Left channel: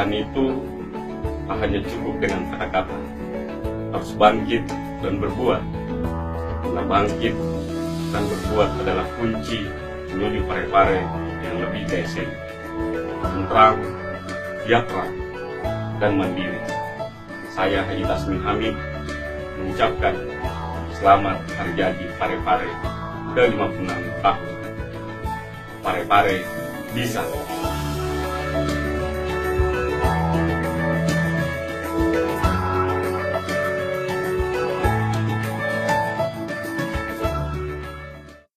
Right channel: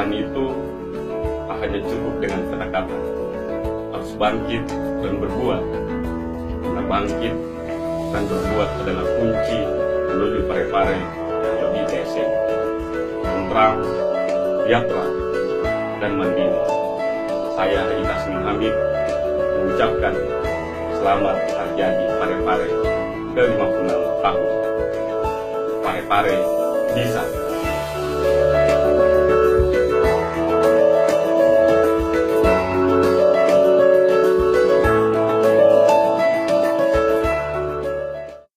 perubahan itu tak hanya cukup dengan kata-kata, harus bangkit dan berbuat. Karena bangkit dan berbuat adalah kunci menuju Parepare yang lebih desa, tentram, sejahtera, dan mandiri. Saya Haji Tasmin Hamid mengucapkan selamat hari jadi Parepare ke-56 tahun. Parepare bisa.